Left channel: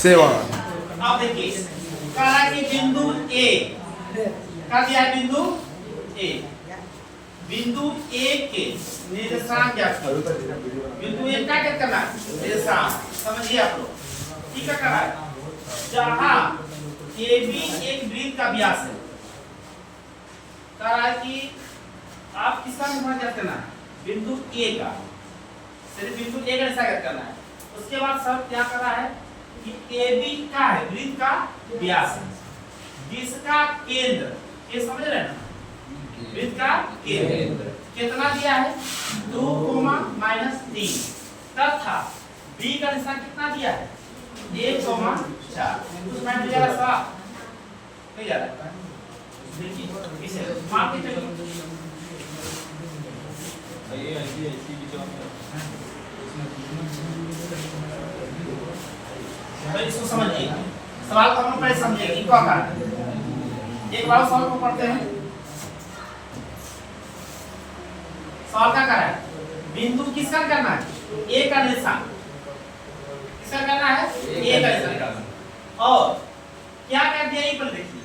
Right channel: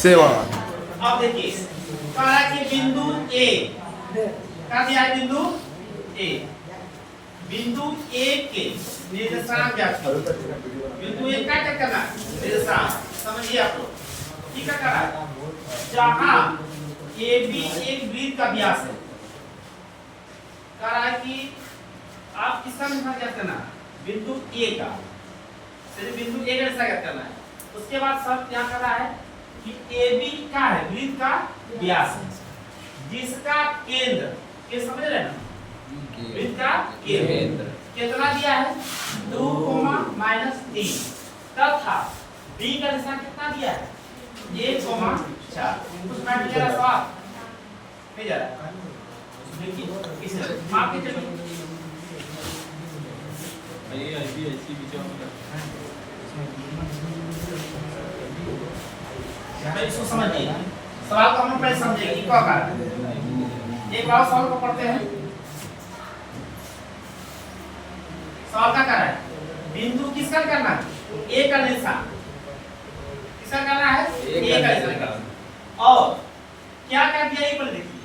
7। अब देखिए कहा कि बिंदु ए का दिया है, बिंदु ए, बिंदु ए के निर्देशांक क्या है? बिंदु ए का क्या करना है? निर्देशांक समझिए आप लोग ठीक है। करा है जहां ए बी एक वृत्त का व्यास है, कहा है कि आप किसका निर्धारण क्या करना है? बिंदु ए का, सिर्फ बिंदु ए का निर्धारण करना है। उसके बाद सब क्या कर रहा है कि ए बी का है वृत्त का व्यास है, जिसका केंद्र, ये समझ रहे हैं ना, वृत्त का केंद्र कितना दिया है? 2, -3 तथा बी का निशान कितना दिया है? 1, 4। कुछ मिनट में जरा सवाल नहीं जा रहा है, देखिए इसे माप के चलिए। ये ऐसी बीचों में तो इसको समझिए, सवाल को हम पहले समझेंगे इको आकार है। एक बार सवाल को पढ़ते हैं। सवाल का है बिंदु किसका करना है? ए का निशान किसका करना है? ए का निशान करना है। और क्या कर दिया ये पहले देखिए,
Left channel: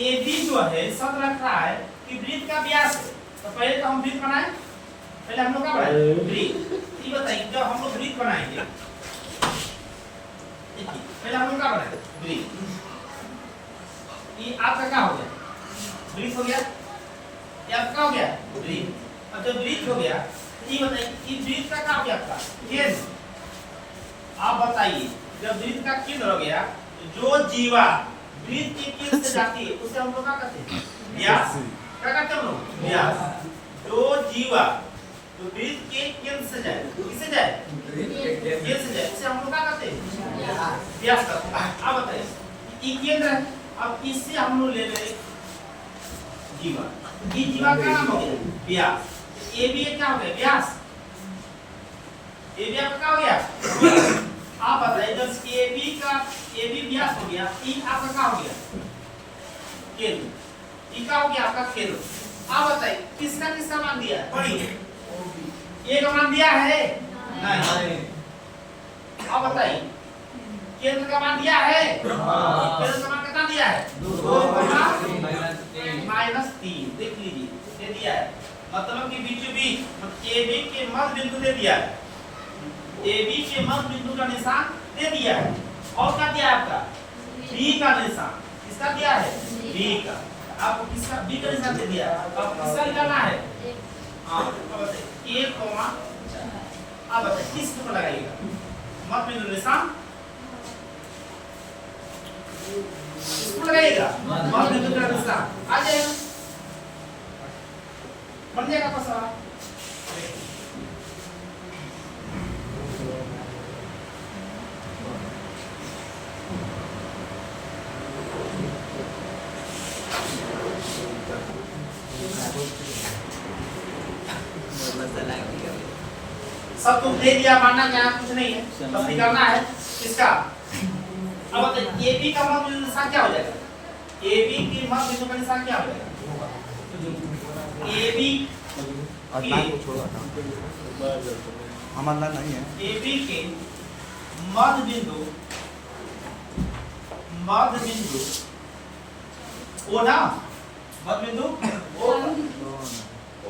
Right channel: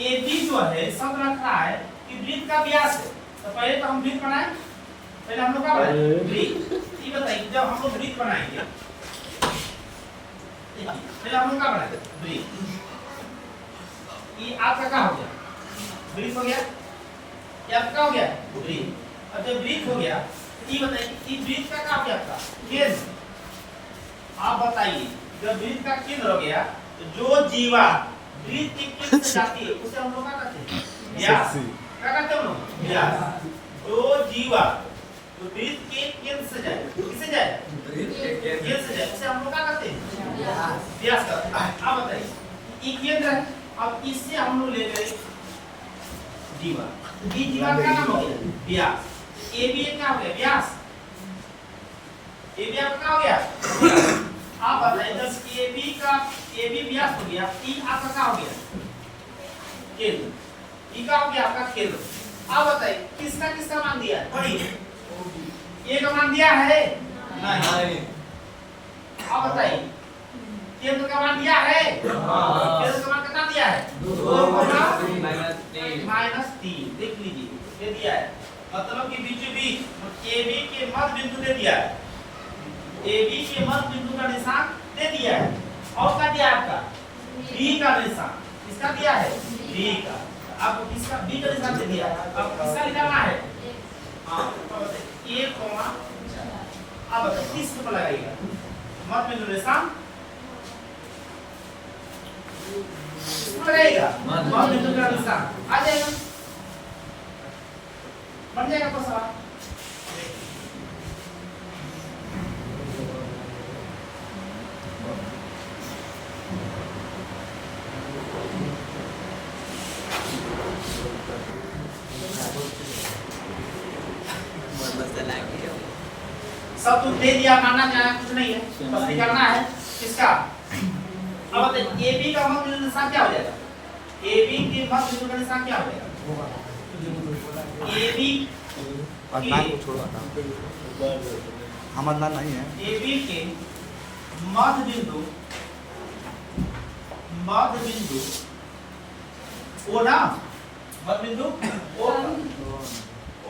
ए बी जो है सब रख रहा है कि वृत्त का व्यास है, तो पहले तो हम वृत्त बनाए, पहले हम लोग क्या बनाए? वृत्त। ये बताइए जब हम लोग वृत्त बनाएंगे, पहले हम लोग क्या बनाए? वृत्त। ये आपका क्या हो गया? वृत्त हो गया। ये आपका हो गया वृत्त। और जब वृत्त हो गया, ये बताइए इस वृत्त का क्या हो गया आपका? केंद्र। आप बताइए जब वृत्त का केंद्र हो गया तो जो जीवा वृत्त के केंद्र से जाती है उसे हम लोग क्या कहते हैं? व्यास। क्या कहते हैं हम लोग? व्यास। जो जीवा तो वृत्त के केंद्र से जाए, किससे जाए? केंद्र से जाए, उसे हम लोग क्या कहते हैं? व्यास कहते हैं। अब बताइए ये केंद्र है, अब इससे हम लोग ले लें जीवा, ये जीवा का नाम हो गया व्यास। ए बी क्या हो गया? व्यास। ए बी आपका क्या हो गया? आप बताइए जब ए बी व्यास हो गया, ई आपका क्या हो गया? केंद्र। ई का हो गया आपका केंद्र। आप बताइए किसका किसका मान दिया है? पढ़िए। ए का मान दिया है? नहीं। आप बताइए केंद्र का मान दिया है? केंद्र का मान कितना दिया है? 2, -3 देख लीजिए, ये दिया है। मतलब कि बीचों बीच ए बी के मध्य बिंदु दे दिया है, ए बी के मध्य बिंदु का निशान दे दिया है। और क्या दिया है आपका? बी का निशान। किसका दिया है? बी का। आपको किसका? बी का निशान दे दिया है। अब किसका निकालना है? हाँ, अब बताइए 1, 4। अब बताइए किस पर लगाइएगा? मध्य बिंदु निशान किसको लगाइएगा? मध्य बिंदु का निशान आ जाएगा, बन जाएगा आपका सवाल। सब तुम दे दिया, मानना क्या है? कुछ नहीं है, बस निकालना है किसका? अब बताइए ए बी का मध्य बिंदु निशान क्या हो जाएगा? ए बी के मध्य बिंदु का निशान क्या हो जाएगा? ए बी अदनान को छोड़ो, हम अदनान नहीं है। ए बी के मध्य बिंदु ओ ना, मध्य बिंदु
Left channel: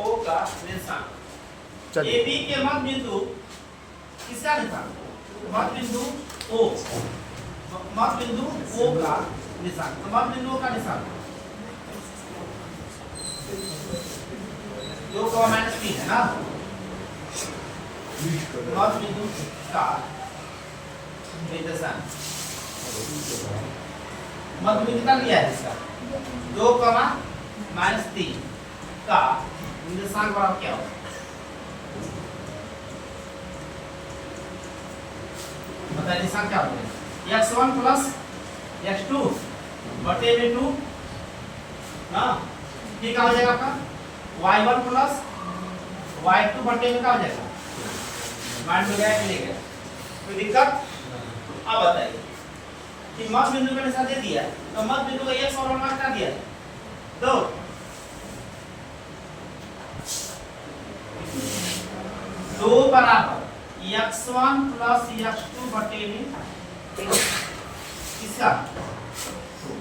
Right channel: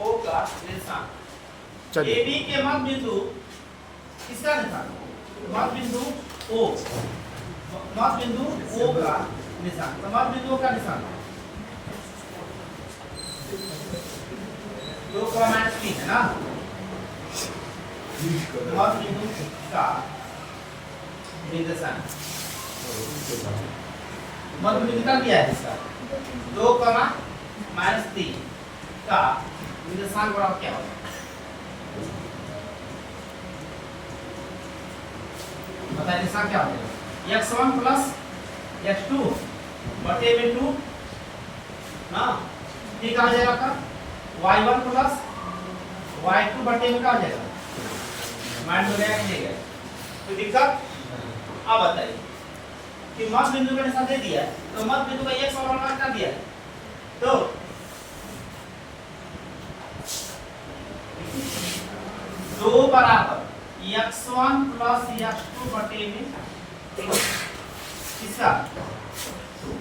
ओ का निशान। ए बी के मध्य बिंदु किसका निशान? मध्य बिंदु ओ, मध्य बिंदु ओ का निशान। तो मध्य बिंदु का निशान 2, -3 है ना। मध्य बिंदु का निर्देशांक मध्य बिंदु कितना दिया है इसका? 2, -3 का निर्देशांक बराबर क्या होगा? बताइए निशान क्या हो जाएगा? x1 + x2 बटे में 2 ना, ये क्या हो जाएगा आपका? y1 + y2 बटे में क्या हो जाएगा? माइंड में गया कि नहीं गया? कोई दिक्कत? अब बताइए कि मध्य बिंदु का निशान दे दिया, तो मध्य बिंदु का x और y कितना दिया है? 2। 2 बराबर x1 + x2 बटे में किसका 2।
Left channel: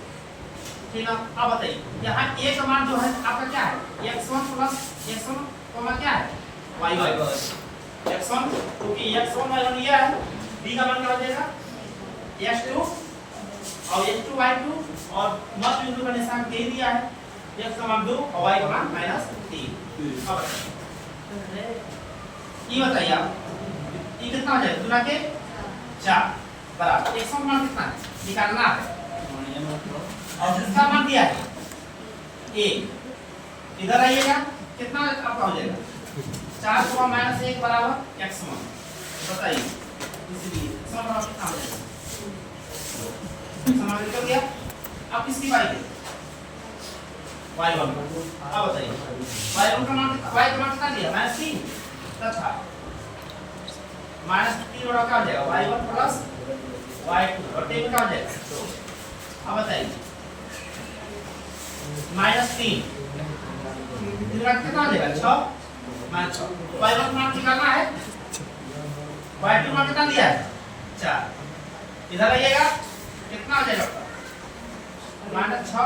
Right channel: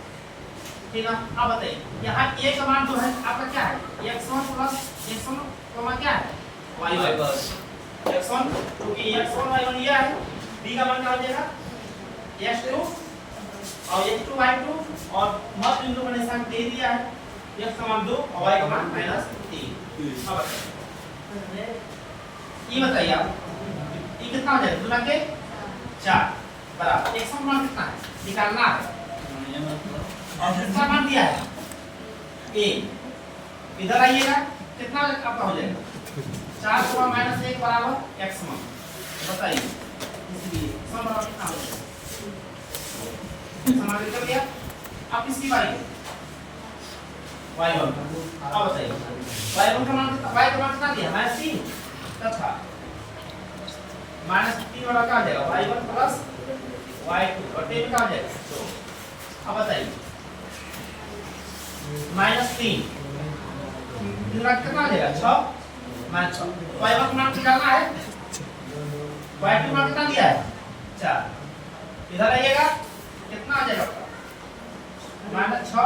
ठीक है, अब बताइए यहाँ a का मान जो है आपका क्या है x1 प्लस x1 कोमा क्या है y1 x1 क्योंकि x1 y1 ये है, b का मान क्या हो जाएगा x2 और x2 y2 और मध्य बिंदु का निशान दे दिया है, x का मान 2 और y का मान -3। अब ये बताइए आप ये कितना हो जाएगा गुना के 4 बराबर x1 मान कितना है निकालना है और इसका मान दिया है a, इधर आइएगा कितना आपका हो जाएगा 4 -1 बराबर x1। बताइए इसलिए x1 बराबर कितना हो जाएगा समाप्त कर दिया। अब किसकी y है y1। अब बताइए y1 का मान कितना y का मान कितना दिया -3 तथा -3 वाला क्या हो जाएगा y1 प्लस y2 और टेबल क्या हो जाएगा 2। अब बताइए -3 इधर कितना आ जाएगा 6 -6 y1 मान निकालना है y2 मान कितना दिया है 4। इधर आइएगा कितना आ जाएगा -6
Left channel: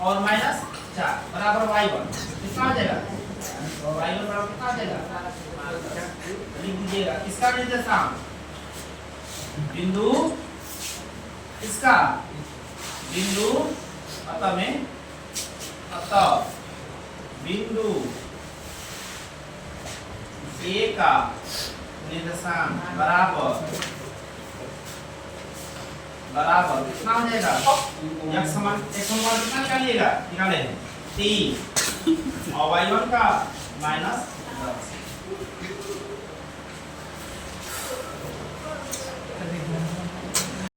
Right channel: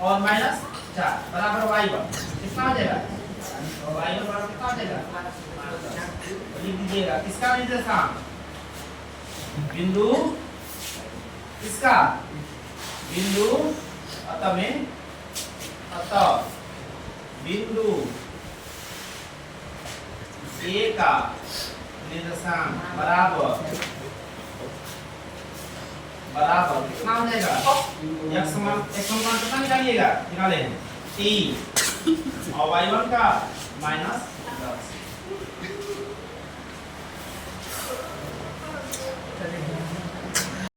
और -4 बराबर y1 कितना आ जाएगा y1 बराबर कितना आ जाएगा लिख दीजिएगा किसका निर्देशांक बिंदु इसका बिंदु अतः में अतः बिंदु A का निर्देशांक बराबर कितना हो जाएगा x समान कितना निकालिएगा निकाले 3 और y1 का -10।